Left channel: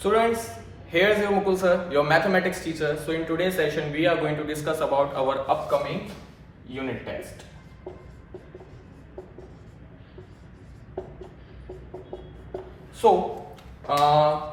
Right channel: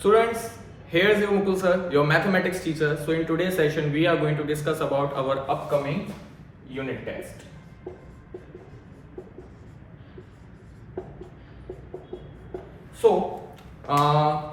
Students, here's your Mukul sir, your mathematics teacher. So in today's session, we are going to discuss about our upcoming unit test. So,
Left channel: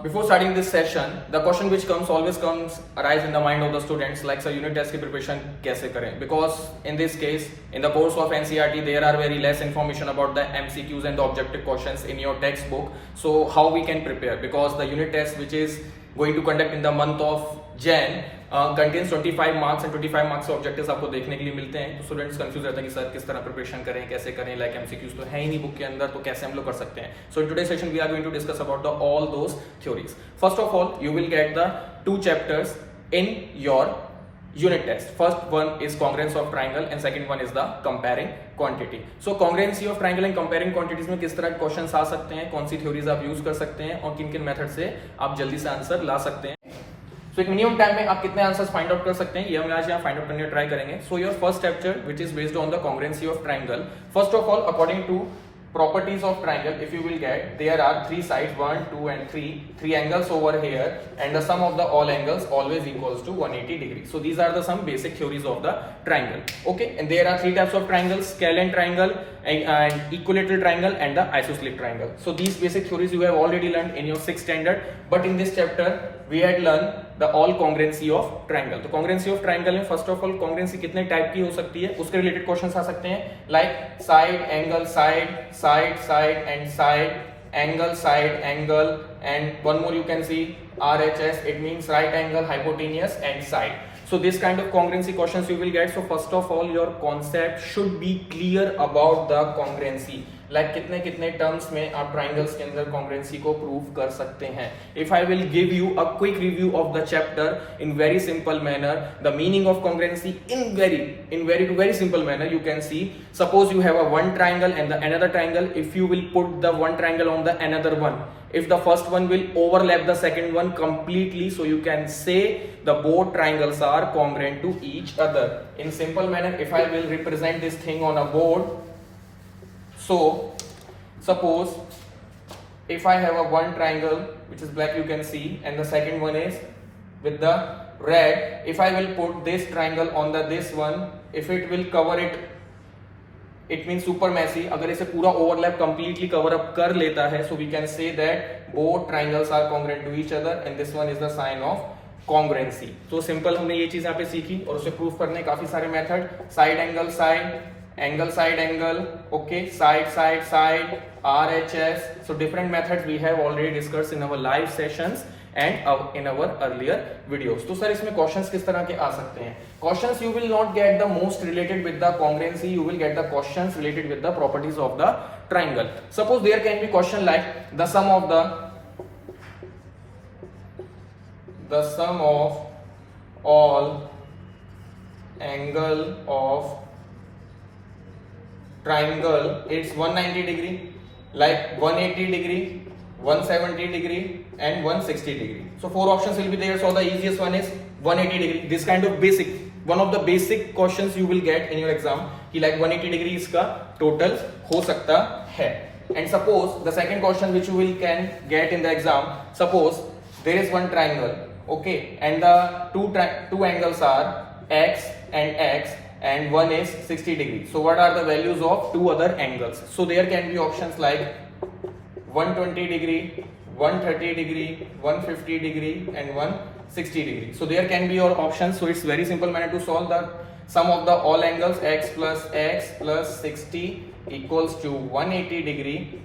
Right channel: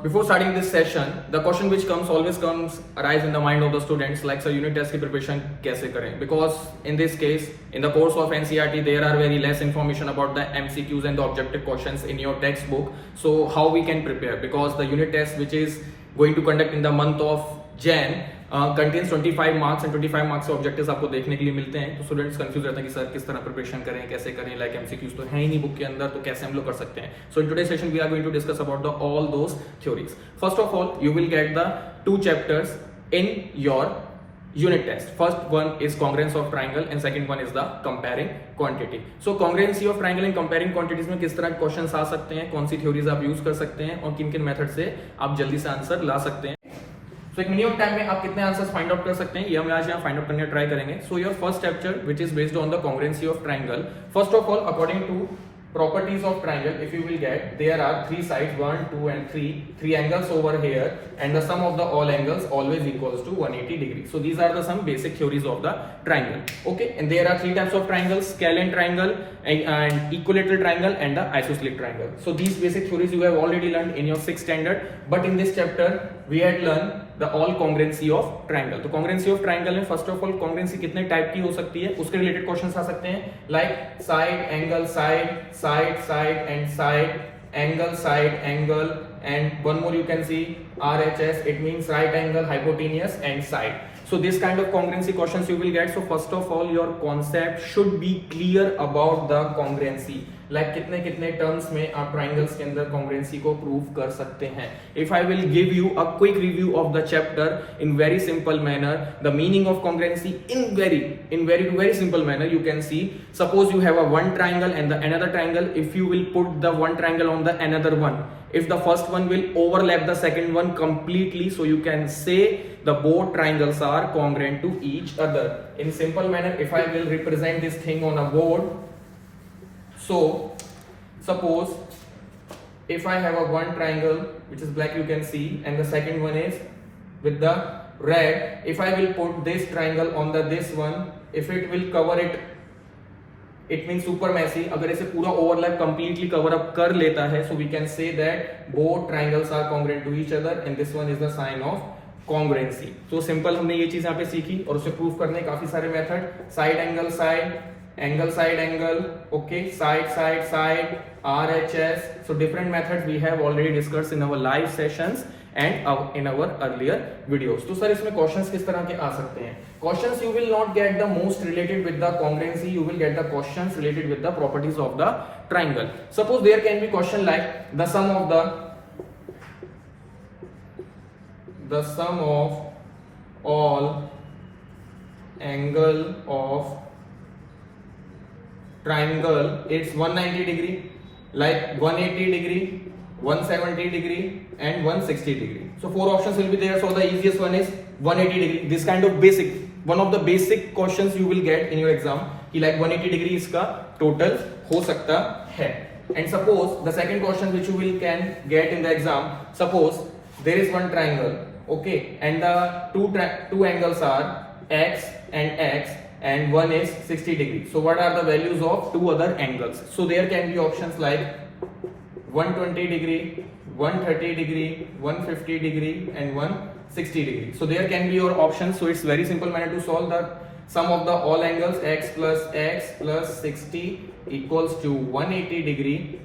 before starting this session, the question which always comes arise in the mind of the students, like sir, unit test की preparation कैसे करें? Because in this case, in the course of NCERT, there are very less information about the MCQs and the objective questions in your textbook. So how we can prepare? Because the unit test which is going to conduct in the month of Jan contains 25 marks and 25 marks के objectives आपको देखने के लिए मिलते हैं. तो students confuse रहते हैं कि सर किस तरह प्रिपरेशन करें, कैसे करें, लाइक एमसीक्यूज तो है ही नहीं बुक के अंदर, तो कैसे हम लोग कर सकते हैं. So in today's session we are going to discuss about the all those theories. First of all you will get the two chapters in your unit test. First one is congruence of triangle and second one is the comparing quantity. So congruency of triangle and comparing quantities में किस तरह के questions आ सकते हैं, कौन सी theories आप use कर सकते हैं और किन किन मेथड से आप जल्दी से आंसर ला सकते हैं. So एक मिनिमम टाइम में आप कितने आंसर्स फाइंड आउट कर सकते हैं, ये हम आज यहाँ फाइंड आउट करने का ट्राई करेंगे. So your first chapter which is based on the congruency of triangle. First of all, according to properties of triangle, if you will get, there are three sides, 1, 2 and 3 angles over here, and the sum of the all angles always equals to 180 degrees. So these are the some basic theories of the triangle. Okay, and there are three types of triangles: scalene triangle and equilateral triangle and the isosceles triangle. So these basic theories you have already learned in your 6th standard, but in this chapter we had learned the all congruency of triangle. तो congruency of triangle में first of all congruency कितने type की हो सकती है, उसके related questions आ सकते हैं, like side, angle, side, side, side and side, angle, side, angle, and one more you can see RHS, it means right angle, hypotenuse and side. So this kind of congruency questions you will get. So first of all your concept should be clear about the congruency. Like कितने कितने terms में आप triangles के अंदर congruency को prove कर सकते हैं. If I will give you a quick review of the chapter in very simple manner, the meaning of congruency in very simple manner, you can see, suppose you have a one triangle and the another triangle. If you will put the one triangle on the another one, if the first one will overlap the second one completely, so you can say the both triangles are congruent to each other. In simple manner, if I will represent this thing on a board, so suppose if I have a one triangle which is black, you can see, and the second one is with the red. If I will put this triangle on the this one, if it will cover it, it means super messy. अगर इसे पूरा overlap completely cover up कर लेता है, so we can say that both triangles are congruent to each other and this one is the sign of congruency. So simple हमने ये चीज यहाँ पे सीखी और उसे प्रूफ करने काफी सारे method, side angle side, angle side angle, okay, side side side, RHS. So different methods we have already discussed in our live sessions and in our earlier videos. तो सर इसमें क्वेश्चंस किस तरह के आ सकते हैं? Questions you will not get the most related with the congruency, you will get the questions related with the properties of the triangle. Suppose there can be question like the sum of all angle of triangle is 190 degree, like 180 degree, 170 degree and 160 degree. So four options will be there. So the easiest one is 180 degree. This kind of basic, one of the basic questions you will get in your exam कि like 180 degree इसका total हो सकता है. And suppose the second question which you will can get in the exam, suppose there is one triangle, okay, and the two angles are x and x, and one is 60 degree. So what are the values of two other angles? So there can be options like 120 degree, 130 degree, 150 degree and 160 degree. So there can be your options. So it's very simple manner to solve the sum of the all angles, x plus 60 equals to 180 degree.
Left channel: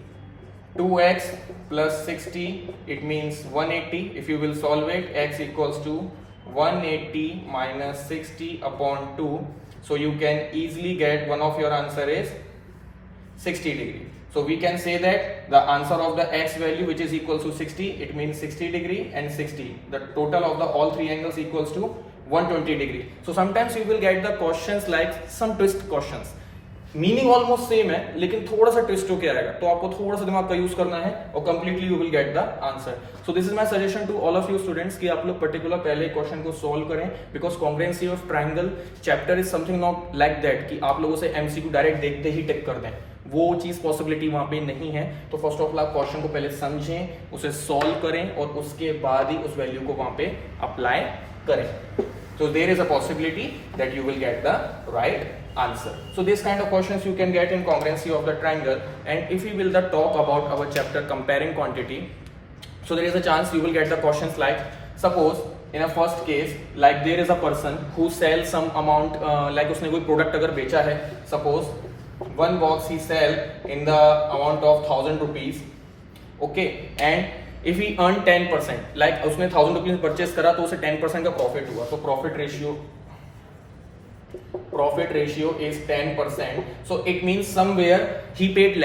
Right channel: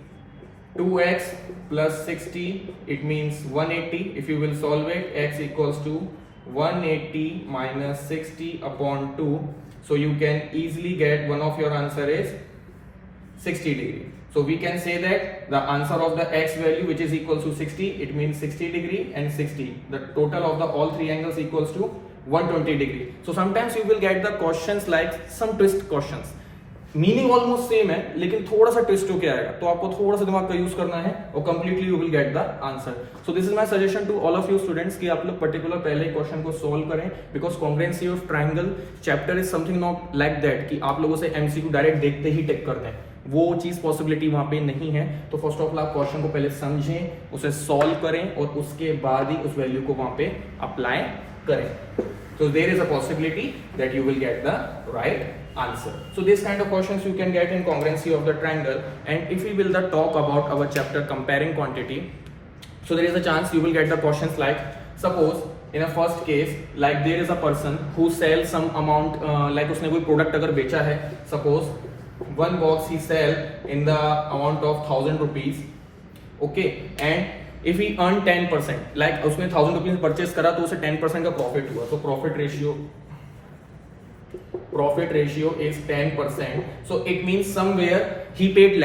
2x plus 60, it means 180. If you will solve it, x equals to 180 minus 60 upon 2. So you can easily get one of your answer is 60 degree. So we can say that the answer of the x value which is equal to 60, it means 60 degree and 60. The total of the all three angles equals to 120 degree. So sometimes you will get the questions like some twist questions. Meaning almost same है लेकिन थोड़ा सा twist होके आएगा, तो आपको थोड़ा सा दिमाग का यूज करना है और completely you will get the answer. So this is my suggestion to all of you students कि आप लोग पर्टिकुलर पहले क्वेश्चन को सोल्व करें, because congruency of triangle chapter is something not like that कि आप लोगों से एमसीक्यू डायरेक्ट देखते ही टिक कर दें. वो चीज पॉसिबिलिटी वहां पे नहीं है। तो फर्स्ट ऑफ ऑल आप क्वेश्चन को पहले समझें, उसे सॉल्व करें और उसके बाद ही उस वैल्यू को वहां पे अप्लाई करें। So there is a possibility that you will get the right answer. So this kind of questions you can get in congruency of the triangle. And if we will talk about our chapter comparing quantity, so there is a chance you will get the questions like, suppose in a first case, like there is a person who sells some amount, like उसने कोई product अगर बेचा है, suppose one box he sell in the amount of 1000 rupees, okay, and if he earn 10%, like उसने 1000 rupees purchase करा तो उसे 10% का प्रॉफिट हुआ, तो profit ratio is 10%. So it means somewhere he paid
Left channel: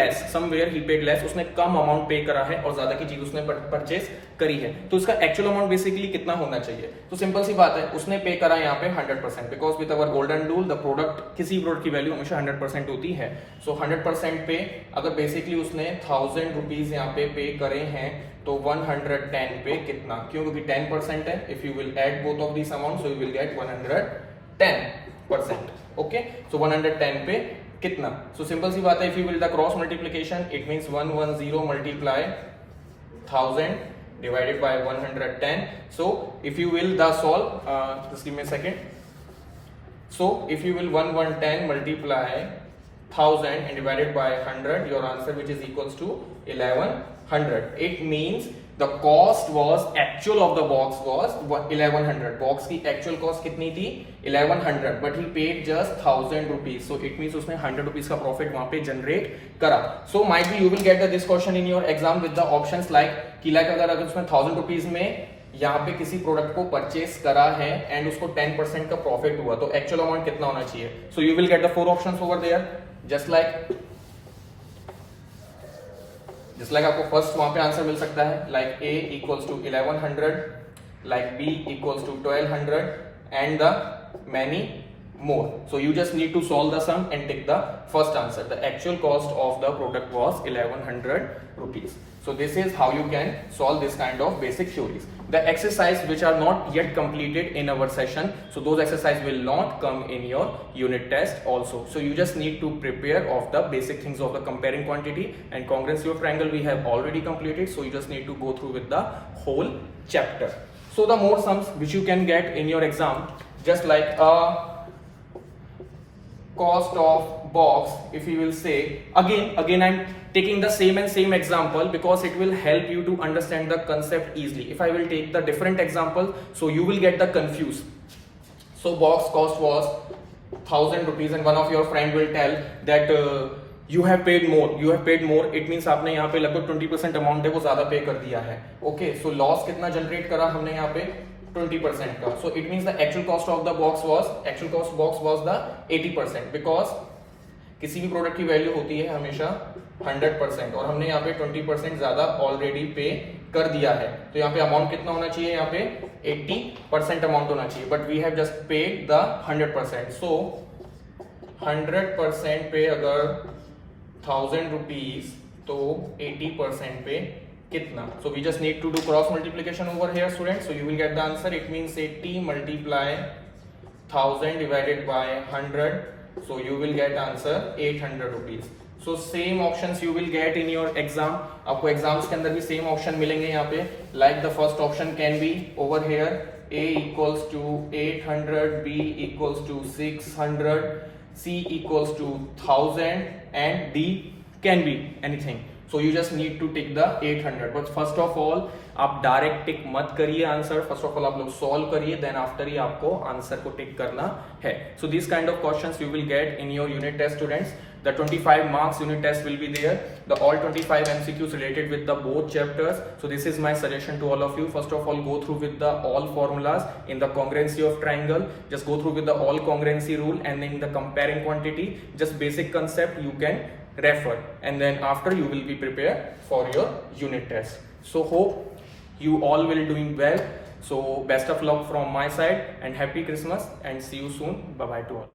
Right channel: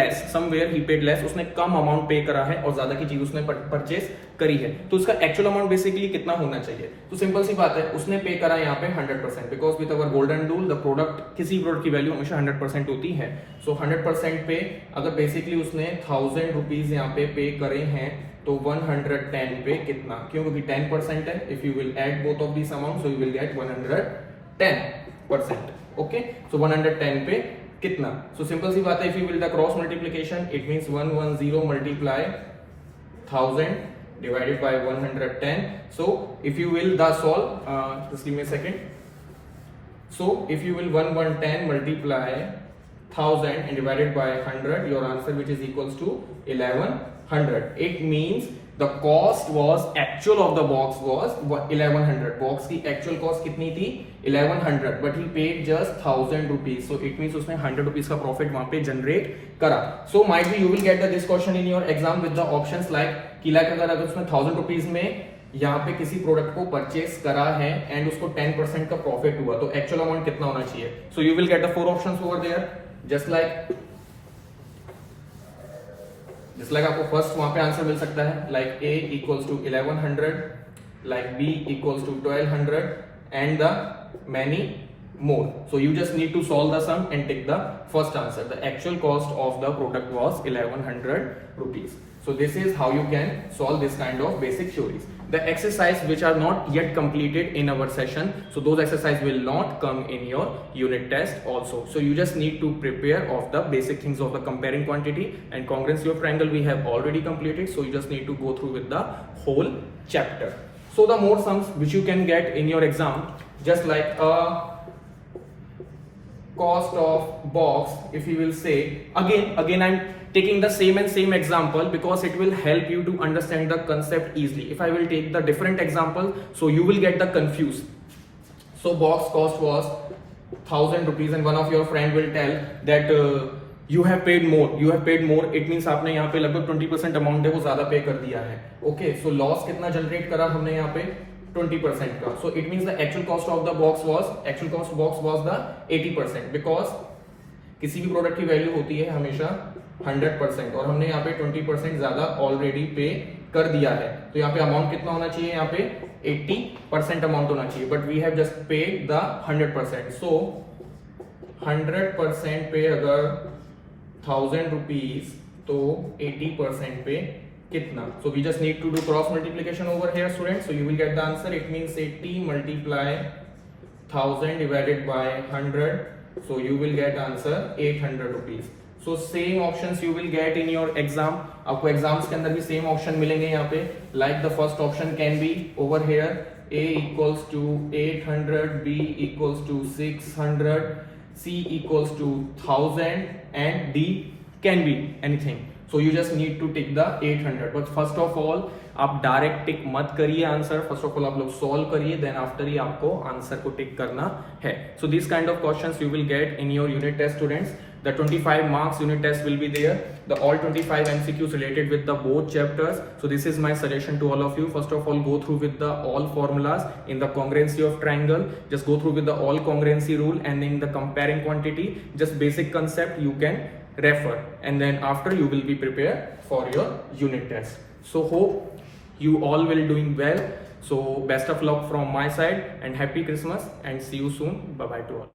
less, उसने कम अमाउंट पे करा है और ज्यादा की चीज उसने परचेस करी है, तो उसका एक्चुअल अमाउंट बेसिकली कितना होना चाहिए? तो सिंपल सी बात है, उसने पे करा यहाँ पे 100%, because with our golden rule the product, किसी प्रोडक्ट की वैल्यू हमेशा 100% होती है। सो 100% पे अगर बेसिकली उसने 1000 रुपीज यहाँ पे करे हैं, तो 110 पे कितना, क्यों? क्योंकि 10% है। If you will add both of this amount, so you will get 110%, okay. So 110 पे कितना? सो सिंपल सी बात है, if you will the cross multiplication, it means 110 multiply 1000 divided by 110. So if you will the solve, just give me a second. So if you will 110 multiply 1000 and divided by 100, your answer which is equals to 1100. It means the cost was, actual of the box was 1100. box की actual cost कितनी थी? 1100, but he paid just 1000 rupees. So it means उसने 100 rupees का profit वहां पे generate करा. So might be you will get this question in your exam with the options like कि like अगर उसने 1000 rupees में यहाँ पे किसी प्रोडक्ट को परचेस करा है एंड उसको 10% का प्रॉफिट हुआ, तो एक्चुअल अमाउंट कितना होना चाहिए? So you will get the 4 options over there, just like आपको फर्स्ट वहां पे आंसर मिल सकता है, like A equals to 1100, like B equals to 1200 and the many more. So you just need to solve the sum and take the first answer. The actual cost of the product was 1100 rupees. So this is how you can solve this kind of basic theories. The exercise which are not yet completed in our session, so those exercise will not come in your unit test also. So you just need to prepare of the basic things of the comparing quantity and congruency of triangle we have already completed. So you just need to go through with the whole chapter. So the more sums which you can get in your exam, just like cost of box, if you will say, again I'm taking the same example because it will help you to understand the concept easily. If I will take the different example, so you will get the confused. So box cost was 1000 rupees and one of your friend will tell that you have paid more. It means आपने यहाँ पे लगभग 20% amount है वो ज्यादा पे कर दिया है, ओके। सो लॉस कितना जनरेट करा हमने यहाँ पे? 20% का। So it means the actual cost of the box was the 80%, because किसी भी प्रोडक्ट की वैल्यू होती है हमेशा 100% और हमने यहाँ पे 20% ज्यादा ऑलरेडी पे कर दिया है, तो यहाँ पे अमाउंट कितना होना चाहिए? यहाँ पे 80% अमाउंट होना चाहिए, but we have just paid the 100%. So 100% पे अगर 1000 रुपीज तो 80% पे कितना? So we just need to do cross multiplication over here, students. So you will get the answer. It means 80 multiply 1000 divided by 100. So you will get answer 800 rupees. So same options you will get in your exam. आपको exams के अंदर भी same option मिलेंगे यहाँ पे. Like the first option can be over here. A equals to 800, B equals to 600, C equals to 1000 and D can be anything. So you just need to take the 800. But first of all आप direct टिक मत करिए answer, first of all आप लोग solve करिए, then after he आपको answer को tick करना है. So this kind of questions you will get in your unit test, students. The 25 marks unit test will be there. The all 25 MCQs related with the both chapters. So this is my suggestion to all of you. First of all, go through with the all formulas in the congruency of triangle. Just go through with the all congruency rule, and in the comparing quantity, just basic concept you can refer, and then after you will be prepared for your unit test. So hope you all will doing well. So best of luck from my side and happy Christmas and see you soon. Bye bye to all.